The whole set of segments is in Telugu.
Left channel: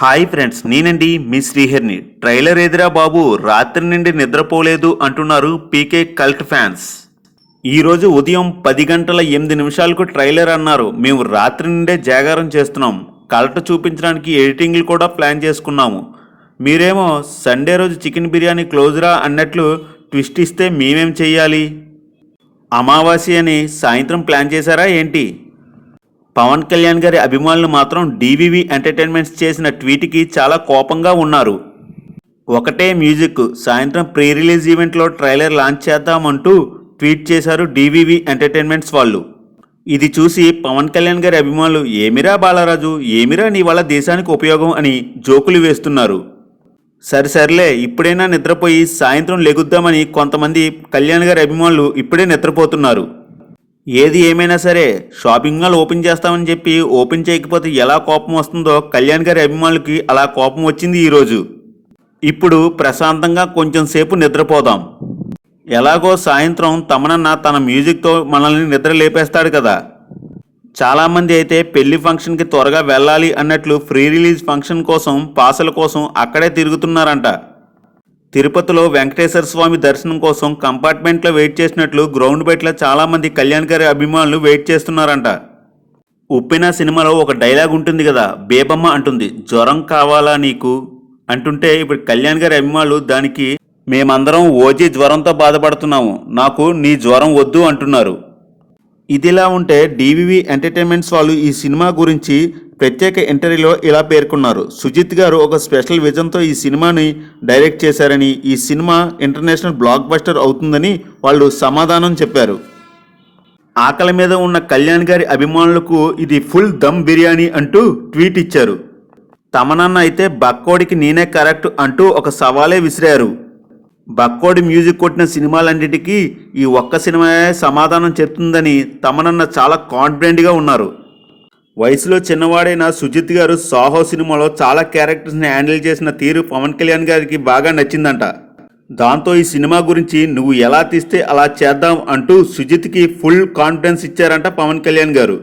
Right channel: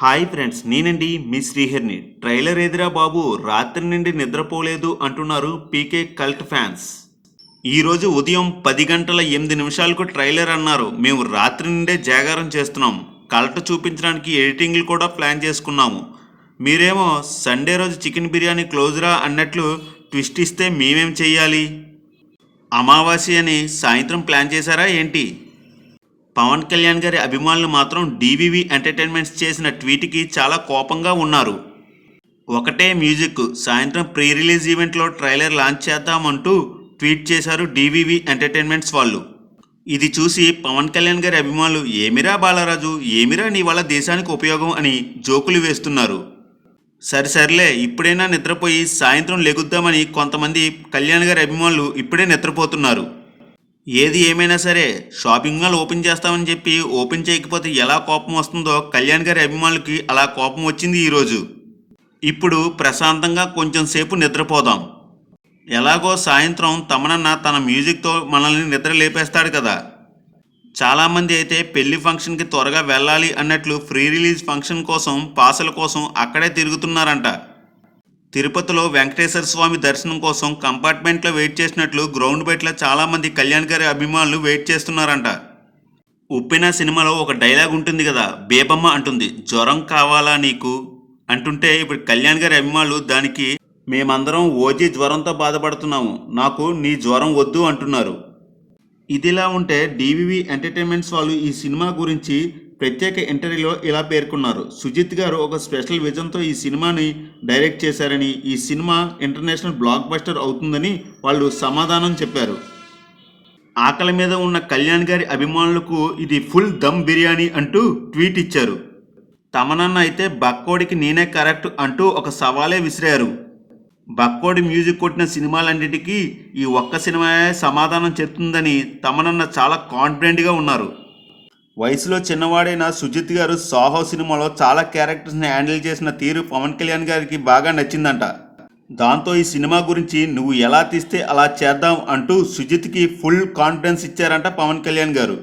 హాయ్ ఫ్రెండ్స్, నేనండి మీ శ్రీహరిని. ట్రైలర్ ఎదిరా బాబు, రాత్రి నుండి నిద్రపోలేదు అంటున్నారు పీకే కల్ట్ ఫ్యాన్స్. ఈరోజు ఉదయం 10 గంటల 8 నిమిషాలకు ట్రైలర్ అన్నారు. మేము రాత్రి నుండే జాగారం చేస్తున్నాం, కల్ట్ చూపించడానికి ఎడిటింగ్లు కూడా ప్లాన్ చేసుకున్నాము. మీరేమో సండే రోజు చికెన్ బిర్యానీ క్లోజ్రా అన్నట్లు ట్విస్ట్ ఇస్తే మేమేం చెయ్యాలి? అమావాస్య అని సాయంత్రం ప్లాన్ చేశారా ఏంటి? పవన్ కళ్యాణ్ గారి అభిమానులు మాత్రం డివివి ఎంటర్టైన్మెంట్స్ చేసిన ట్వీట్కి చాలా కోపంగా ఉన్నారు. ఒకటే మ్యూజిక్, సాయంత్రం ప్రీ రిలీజ్ ఈవెంట్లో ట్రైలర్ లాంచ్ చేద్దామంటూ ట్వీట్ చేశారు డివివి ఎంటర్టైన్మెంట్స్ వాళ్ళు. ఇది చూసి పవన్ కళ్యాణ్ గారి అభిమానులు ఏమిరా బాలరాజు, ఏమిరా నీ వల్ల దేశానికి ఉపయోగం అని జోకులు వేస్తున్నారు. సరిసరిలే, ఇప్పుడైనా నిద్రపోయి సాయంత్రం లెగుద్దామని కొంతమంది కళ్యాణ్ గారి అభిమానులు ఇప్పుడే నిద్రపోతున్నారు. ఏది ఏమైనా సరే, షాపింగ్ మాల్ ఓపెన్ చేస్తామని చెప్పి ఓపెన్ చేయకపోతే ఎలా కోపం వస్తుందో కళ్యాణ్ గారి అభిమానులకి అలా కోపం వచ్చింది ఈరోజు. ఇప్పుడు ప్రశాంతంగా కొంచెం సేపు నిద్రపోదాం. ఎలాగో సాయంత్రం తమనన్న తన మ్యూజిక్తో మనల్ని నిద్ర లేపేస్తాడు కదా. చాలామంది అయితే పెళ్లి ఫంక్షన్కి త్వరగా వెళ్ళాలి అన్నట్లు ఫ్రీ రిలీజ్ ఫంక్షన్ కోసం పాసల కోసం అక్కడే తిరుగుతున్నారంట. తిరుపతిలో వెంకటేశ్వర స్వామి దర్శనం కోసం కంపార్ట్మెంట్లో వెయిట్ చేసినట్లు గ్రౌండ్ బయట చాలామంది కళ్యాణ్ గారి అభిమానులు వెయిట్ చేస్తున్నారంట. ఉప్పిన సినిమాలో ఒక డైలాగ్ ఉంటుంది కదా, బేబమ్మ అంటుంది జ్వరం కావాలా నీకు అంటుంటే, ఇప్పుడు కళ్యాణ్ గారి అభిమానులు దానికి మేమందరం ఓజీ జ్వరంతో బాధపడుతున్నాము, నాకు నీ జ్వరం వద్దు అంటున్నారు. ఇదిలా ఉంటే డివివి ఎంటర్టైన్మెంట్స్ వాళ్ళు ఈ సినిమా గురించి ప్రత్యేక ఇంటర్వ్యూలో ఇలా పేర్కొన్నారు. సుజిత్ గారు ఒక స్పెషల్ విజన్తో ఈ సినిమాని డైరెక్ట్ చేశారని, ఈ సినిమా ఇంటర్నేషనల్ బ్లాక్ బస్టర్ అవుతుందని వాళ్ళు సమాధానం చెప్పారు. ఆకలి మీద ఉన్న కళ్యాణ్ గారి అభిమానులకు ఇది ఫుల్ దమ్ బిర్యానీ అంటూ ట్వీట్ ఇచ్చారు. తమనన్న అయితే బక్కోడికి నేనే కరెక్ట్ అంటూ ఒక సవాలే విసిరారు. బక్కోడి మ్యూజిక్ కొట్టిన సినిమాలన్నిటికీ ఈ ఒక్క సినిమాయే సమాధానం చెప్తుందని తమనన్న చాలా కాన్ఫిడెంట్గా ఉన్నారు. వయసులో చిన్నవాడైన సుజిత్ గారు సాహో సినిమాలో చాలా క్యారెక్టర్స్ని హ్యాండిల్ చేసిన తీరు పవన్ కళ్యాణ్ గారికి బాగా నచ్చిందంట. దాంతో ఈ సినిమా గురించి నువ్వు ఎలా తీస్తే అలా చేద్దాం అంటూ సుజిత్కి ఫుల్ కాన్ఫిడెన్స్ ఇచ్చారంట పవన్ కళ్యాణ్ గారు.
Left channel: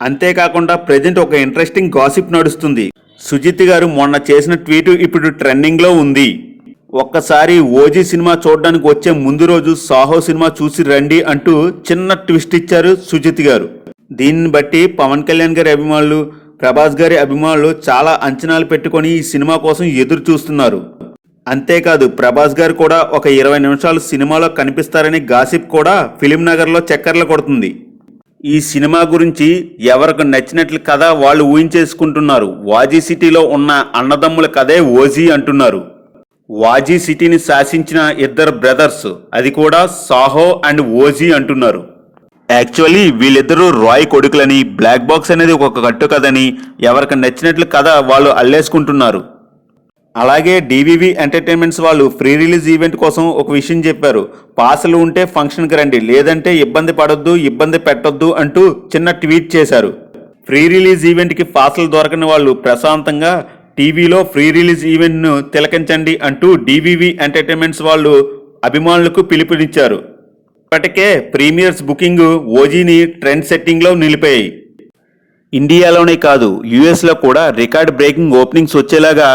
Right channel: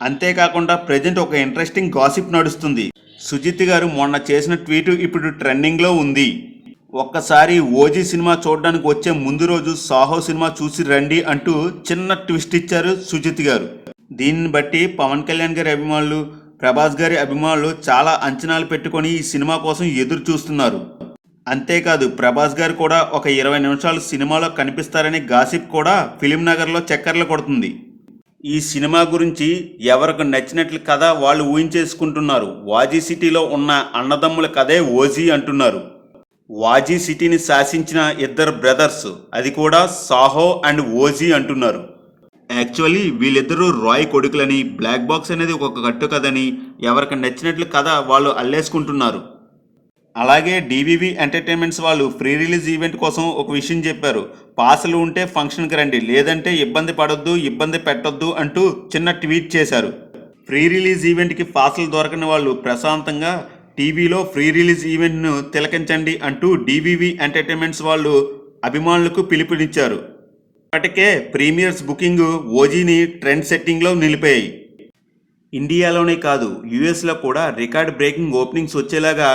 అంతేకాకుండా ప్రజెంట్ ఒక ఇంట్రెస్టింగ్ గాసిప్ నడుస్తుంది. సుజిత్ గారు మొన్న చేసిన ట్వీట్ ఇప్పుడు ట్రెండింగ్లో ఉంది. ఒక్కసారి ఓజీ సినిమా చూడడానికి వచ్చే ముందు రోజు సాహో సినిమా చూసి రండి అంటూ చిన్న ట్విస్ట్ ఇచ్చారు సుజిత్ గారు. దీన్ని బట్టి పవన్ కళ్యాణ్ గారి అభిమానులు, ప్రభాస్ గారి అభిమానులు చాలా అంచనాలు పెట్టుకొని ఈ సినిమా కోసం ఎదురు చూస్తున్నారు. అంతేకాదు ప్రభాస్ గారు కూడా ఒక 20 నిమిషాలు సినిమాలో కనిపిస్తారని గాసిప్ కూడా ఫిలిం నగర్లో చక్కర్లు కొడుతుంది. ఈ సినిమా గురించి ఎవరికి నచ్చినట్లు కథ వాళ్ళు ఊహించేసుకుంటున్నారు. వాజీ సిటీలో ఉన్న అన్నదమ్ముల కథే ఓజీ అంటున్నారు. వాజీ సిటీని శాసించిన ఇద్దరు బ్రదర్స్, అది కూడా సాహో అండ్ ఓజీ అంటున్నారు. యాక్చువల్లీ వీళ్ళిద్దరూ రాయ్ కొడుకులని, బ్లాక్ బాక్స్ అనేది ఒక కట్టు కథని ఎవరికి నచ్చినట్లు కథ వాళ్ళు అల్లేసుకుంటున్నారు. అలాగే డివివి ఎంటర్టైన్మెంట్స్ వాళ్ళు ఫ్రీ రిలీజ్ ఈవెంట్ కోసం ఒక విషయం చెప్పారు. పాసులు ఉంటే ఫంక్షన్కి రండి, లేదంటే ఇబ్బంది పడొద్దు, ఇబ్బంది పెట్టొద్దు అంటూ చిన్న ట్వీట్ చేశారు. ఫ్రీ రిలీజ్ ఈవెంట్కి పాసులు దొరకని వాళ్ళు ప్రశాంతంగా టీవీలో ఫ్రీ రిలీజ్ ఈవెంట్ను తిలకించండి అంటూ డివివి ఎంటర్టైన్మెంట్స్ వాళ్ళు అభిమానులకు పిలుపునిచ్చారు. ఇప్పటికే ప్రీమియర్స్ బుకింగ్ ఓజీని ట్రెండ్ సెట్టింగ్లో నిలిపాయి. ఇండియాలోనే కాదు, యూఎస్లో కూడా రికార్డ్ బ్రేకింగ్ ఓపెనింగ్స్ వచ్చేలాగా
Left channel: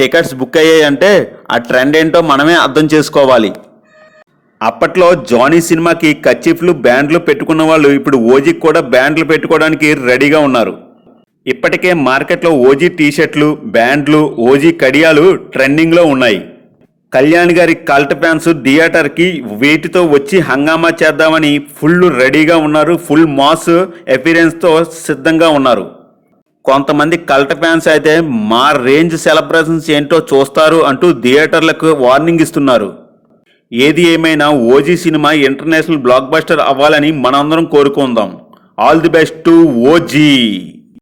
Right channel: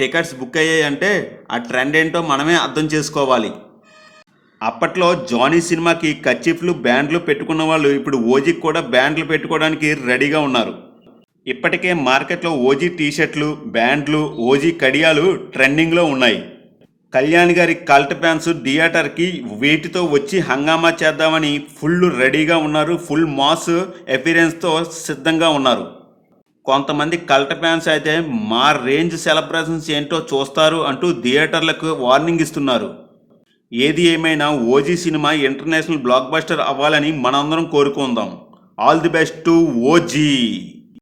టికెట్స్ బుక్ అయ్యాయంటే ఆ ట్రెండ్ ఏంటో మనమే అర్థం చేసుకోవాలి. అప్పట్లో జానీ సినిమాకి కర్చీఫ్లు, బ్యాండ్లు పెట్టుకున్న వాళ్ళు ఇప్పుడు ఓజీకి కూడా బ్యాండ్లు పెట్టుకోవడానికి రెడీగా ఉన్నారు. ఇప్పటికే మార్కెట్లో ఓజీ టీషర్ట్లు, బ్యాండ్లు, ఓజీ కడియాలు ట్రెండింగ్లో ఉన్నాయి. కళ్యాణ్ గారి కల్ట్ ఫ్యాన్స్ థియేటర్కి వీటితో వచ్చి హంగామా చేద్దామని ఫుల్ రెడీగా ఉన్నారు. ఫుల్ మాస్ ఎపిరెన్స్తో సిద్ధంగా ఉన్నారు. కొంతమంది కల్ట్ ఫ్యాన్స్ అయితే మా రేంజ్ సెలబ్రేషన్స్ ఏంటో చూస్తారు అంటూ థియేటర్లకు వార్నింగ్ ఇస్తున్నారు. ఏది ఏమైనా OG cinema international block buster అవ్వాలని మనందరం కోరుకుందాం. All the best to OG.